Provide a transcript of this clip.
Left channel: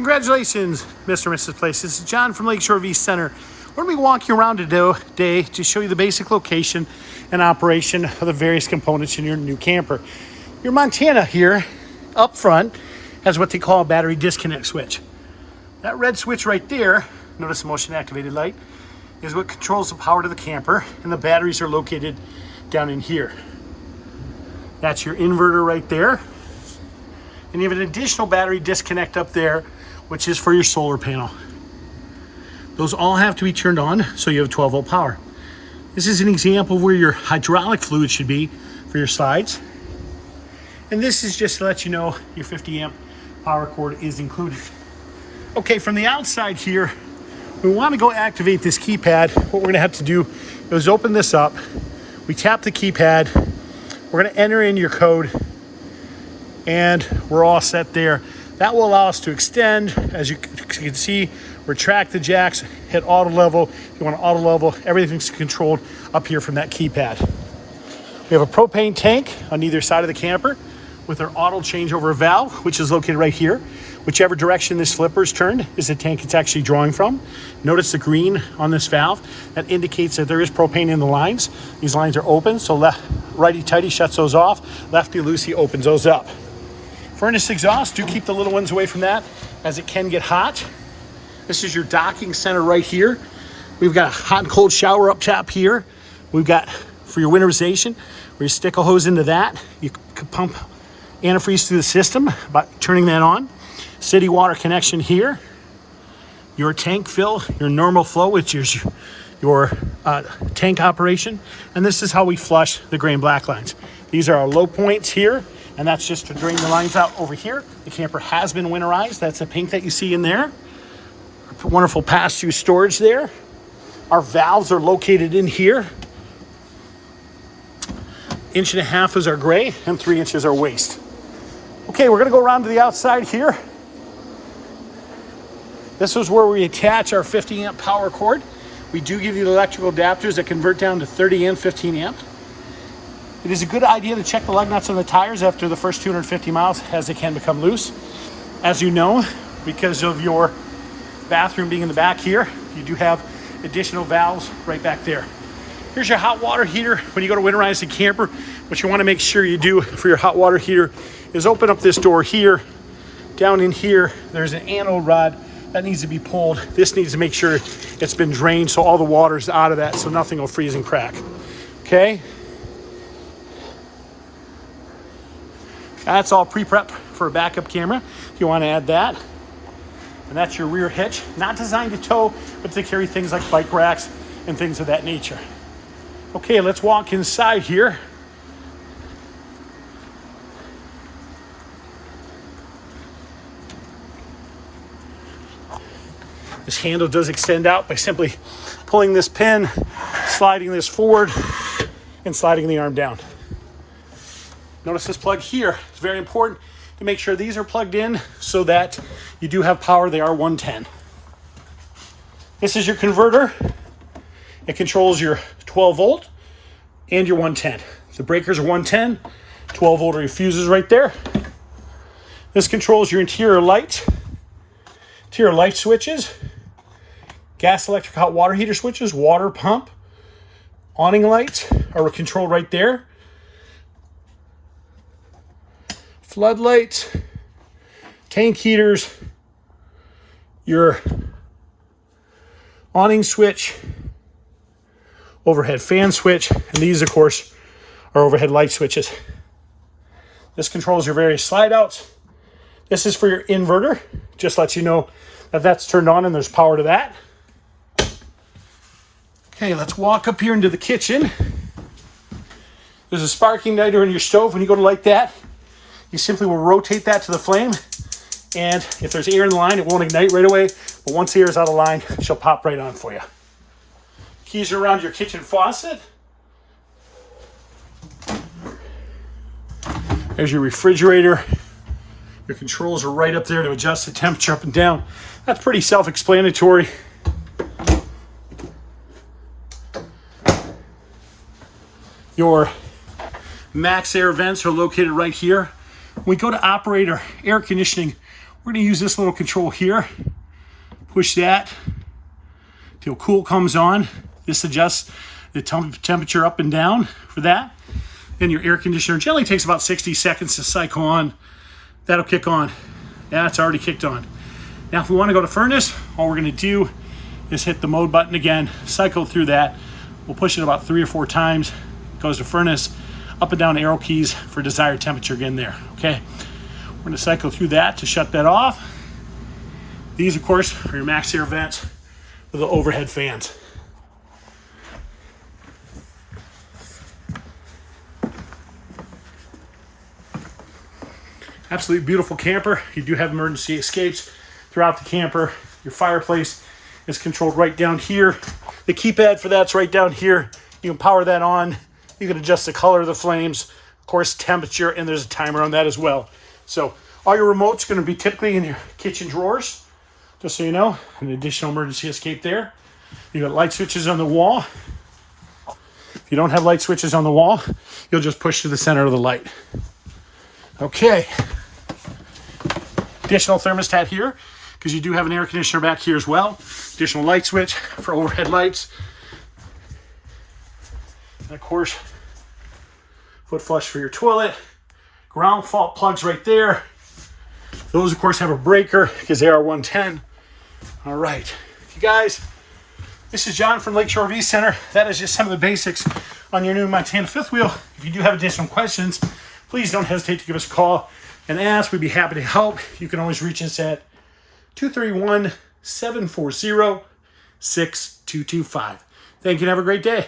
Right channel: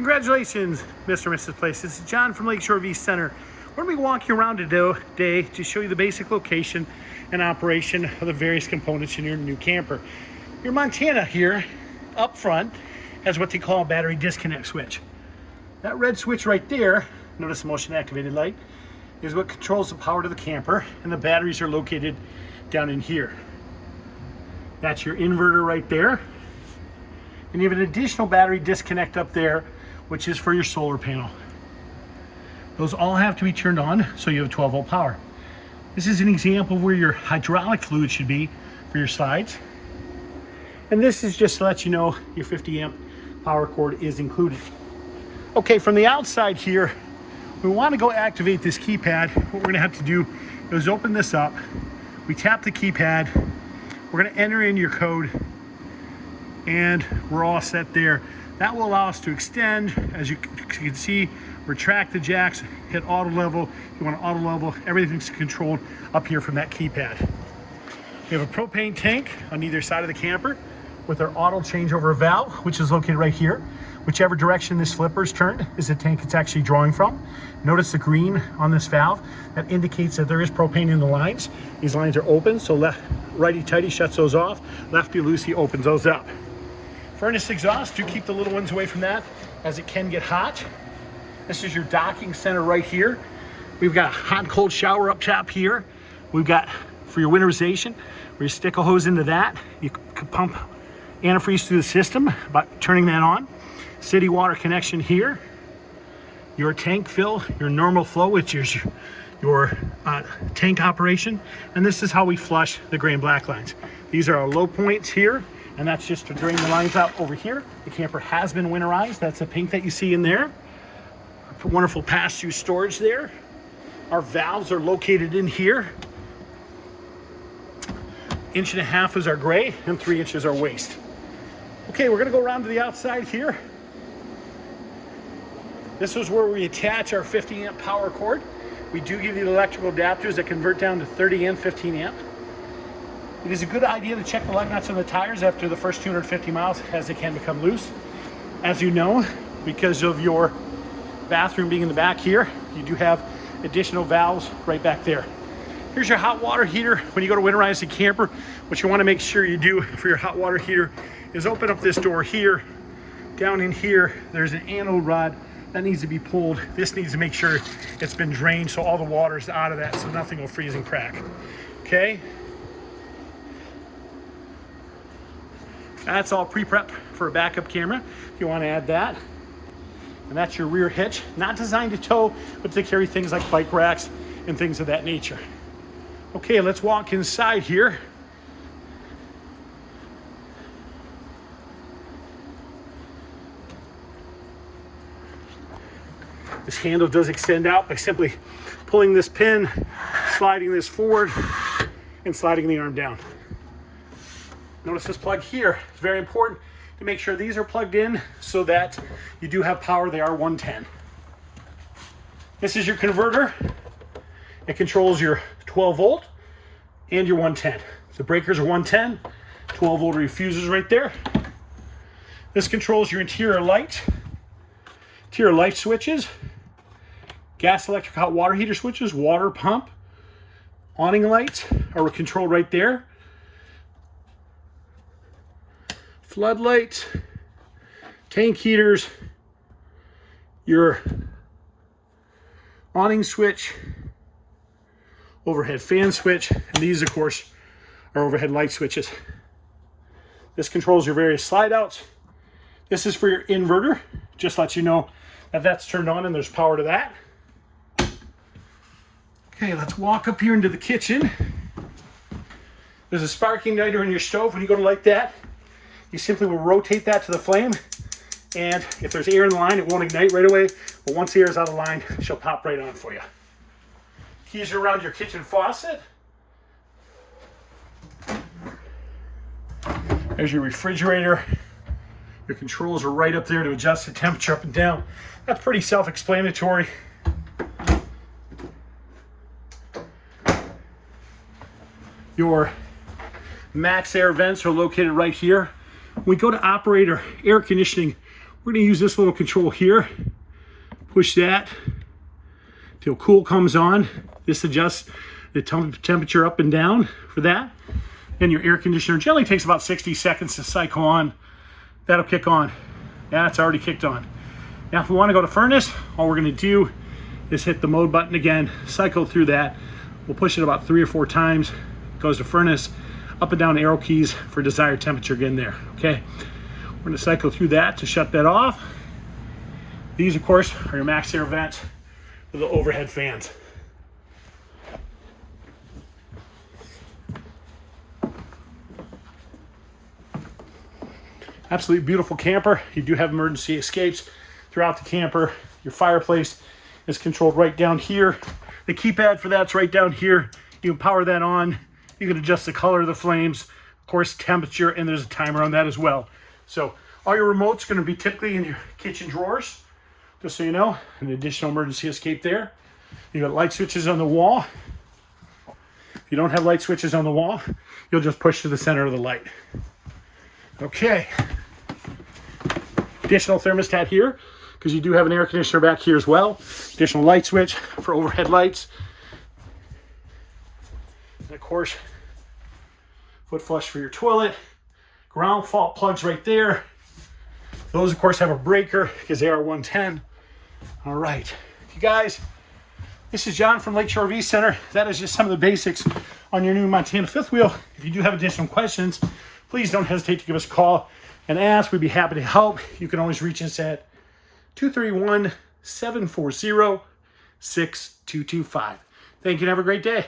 Congratulations, Mr. and Mrs. Place. This is John from Lakeshore V Center. We're going to be walking around today to show you the basic location and operation of the various components in your new camper. Your Montana here, up front, has what they call a battery disconnect switch. That red switch right there, notice the motion activated light, is what controls the power to the camper, and the batteries are located down in here. That's your inverter right there. And you have an additional battery disconnect up there, which is for your solar panel. Those all have to be turned on so you have 12 volt power. This is an example of where your hydraulic fluid should be for your slides. And this is just to let you know your 50 amp power cord is included. Okay, from the outside here, we want to go activate this keypad. What we're going to have to do is open this up. We tap the keypad. We're going to enter in your code, and we're all set there. That will allow us to extend, as you can see, retract the jacks, hit auto level. If you want to auto level, everything's controlled up here from that keypad. We have a propane tank on either side of the camper with our auto changeover valve, which is located right here. Whichever direction this flipper is turned is the tank it's actually drawing from. Notice the green on this valve. That indicates that there is propane in the lines. These lines are open, so righty-tighty shuts those off. Lefty-loosey opens those up. Furnace exhaust, do keep the little ones away from that as it can get hot. This is your docking center right here. We've got a hot and cold shower up top here. We've got for your winterization, where you stick a hose into that. You can pump antifreeze through the system by turning that on. City water connection here. Your tank fill, your normal flow, which is your tank operation. And this is how we flush the gray and black lines. These are our low points here. And that's just to drain the lines out over here. The camper has been winterized. That's the pink that you see in there. Wonderful pass-through storage there. Our valves are located in here. 1.5 inches is our gray and 3 inches our waste. Okay, we're gonna go around to the outside here. This is where we attach our 50 amp power cord. We do give you the electrical adapters that convert down to 30 and 15 amp. It is a good idea to check the lug nuts on the tires after the first 250 miles as they can become loose. As you know, because of your bathroom being in the back here, you do have additional valves right back there. Here's your hot water heater. When you go to winterize the camper, what you want to make sure you do for your hot water heater is open up this door here. Down in here, there's an anode rod that needs to be pulled. This needs to make sure it's been drained so all the water's out of that so nothing will freeze and crack. Okay? That's all pre-prep for a backup camera, if you want to add that. And that's your rear hitch, not designed to tow, but to carry things like bike racks and things of that nature. Okay, let's walk inside here. This handle does extend out by simply pulling this pin, sliding this forward, and sliding the arm down. Notice this plug here. It's very important to make sure these are plugged in so that you do have power. They are 110. This is your converter. It controls your 12 volt and your 110. The breakers are 110, 12 volt are your fuses right there. This controls your interior lights, interior light switches, gas, electric, hot water heater switches, water pump, awning lights are controlled right there. Floodlights, tank heaters, your awning switch, overhead fan switch, and these, of course, are overhead light switches. This controls your various slide outs. This is for your inverter. Just lets you know that that's turned on and there's power to that. Okay, let's walk up here into the kitchen. There's a spark igniter in your stove. When you go to light that, you simply will rotate that to the flame, and if there's air in the line, it won't ignite right away, but once the air is out of line, she'll pop right on for you. Keys are around your kitchen faucet. There's your refrigerator. Your controls are right up there to adjust the temperature up and down. That's pretty self-explanatory. Your max air vents are located right here. When we go to operate our air conditioning, we're We're gonna use this little control here. Push that till cool comes on. This adjusts the temperature up and down for that. Then your air conditioner generally takes about 60 seconds to cycle on. That'll kick on. Yeah, it's already kicked on. Now, if we want to go to furnace, all we're going to do is hit the mode button again, cycle through that. We'll push it about 3 or 4 times. It goes to furnace, up and down arrow keys for desired temperature again there, okay? We're going to cycle through that to shut that off. These, of course, are your max air vents with the overhead fans. Absolutely beautiful camper. You do have emergency escapes throughout the camper. Your fireplace is controlled right down here. The keypad for that's right down here. You can power that on. You can adjust the color of the flames, of course, temperature, and there's a timer on that as well. So all your remotes are going to be typically in your kitchen drawers, just so you know. An additional emergency escape there. You got light switches on the wall. If you don't have light switches on the wall, you'll just push to the center of the light. Okay. Additional thermostat here, because you do have an air conditioner back here as well. Additional light switch for overhead lights. And of course, foot flush for your toilet. Ground fault plugs right there. Those, of course, have a breaker because they are 110. All right. You guys, this is John from Lakeshore RV Center. That is just some of the basics on your new Montana fifth wheel. If you do have additional questions, please don't hesitate to give us a call and ask. We'd be happy to help. You can always reach us at 231-740-6225. Thank you and have a great day.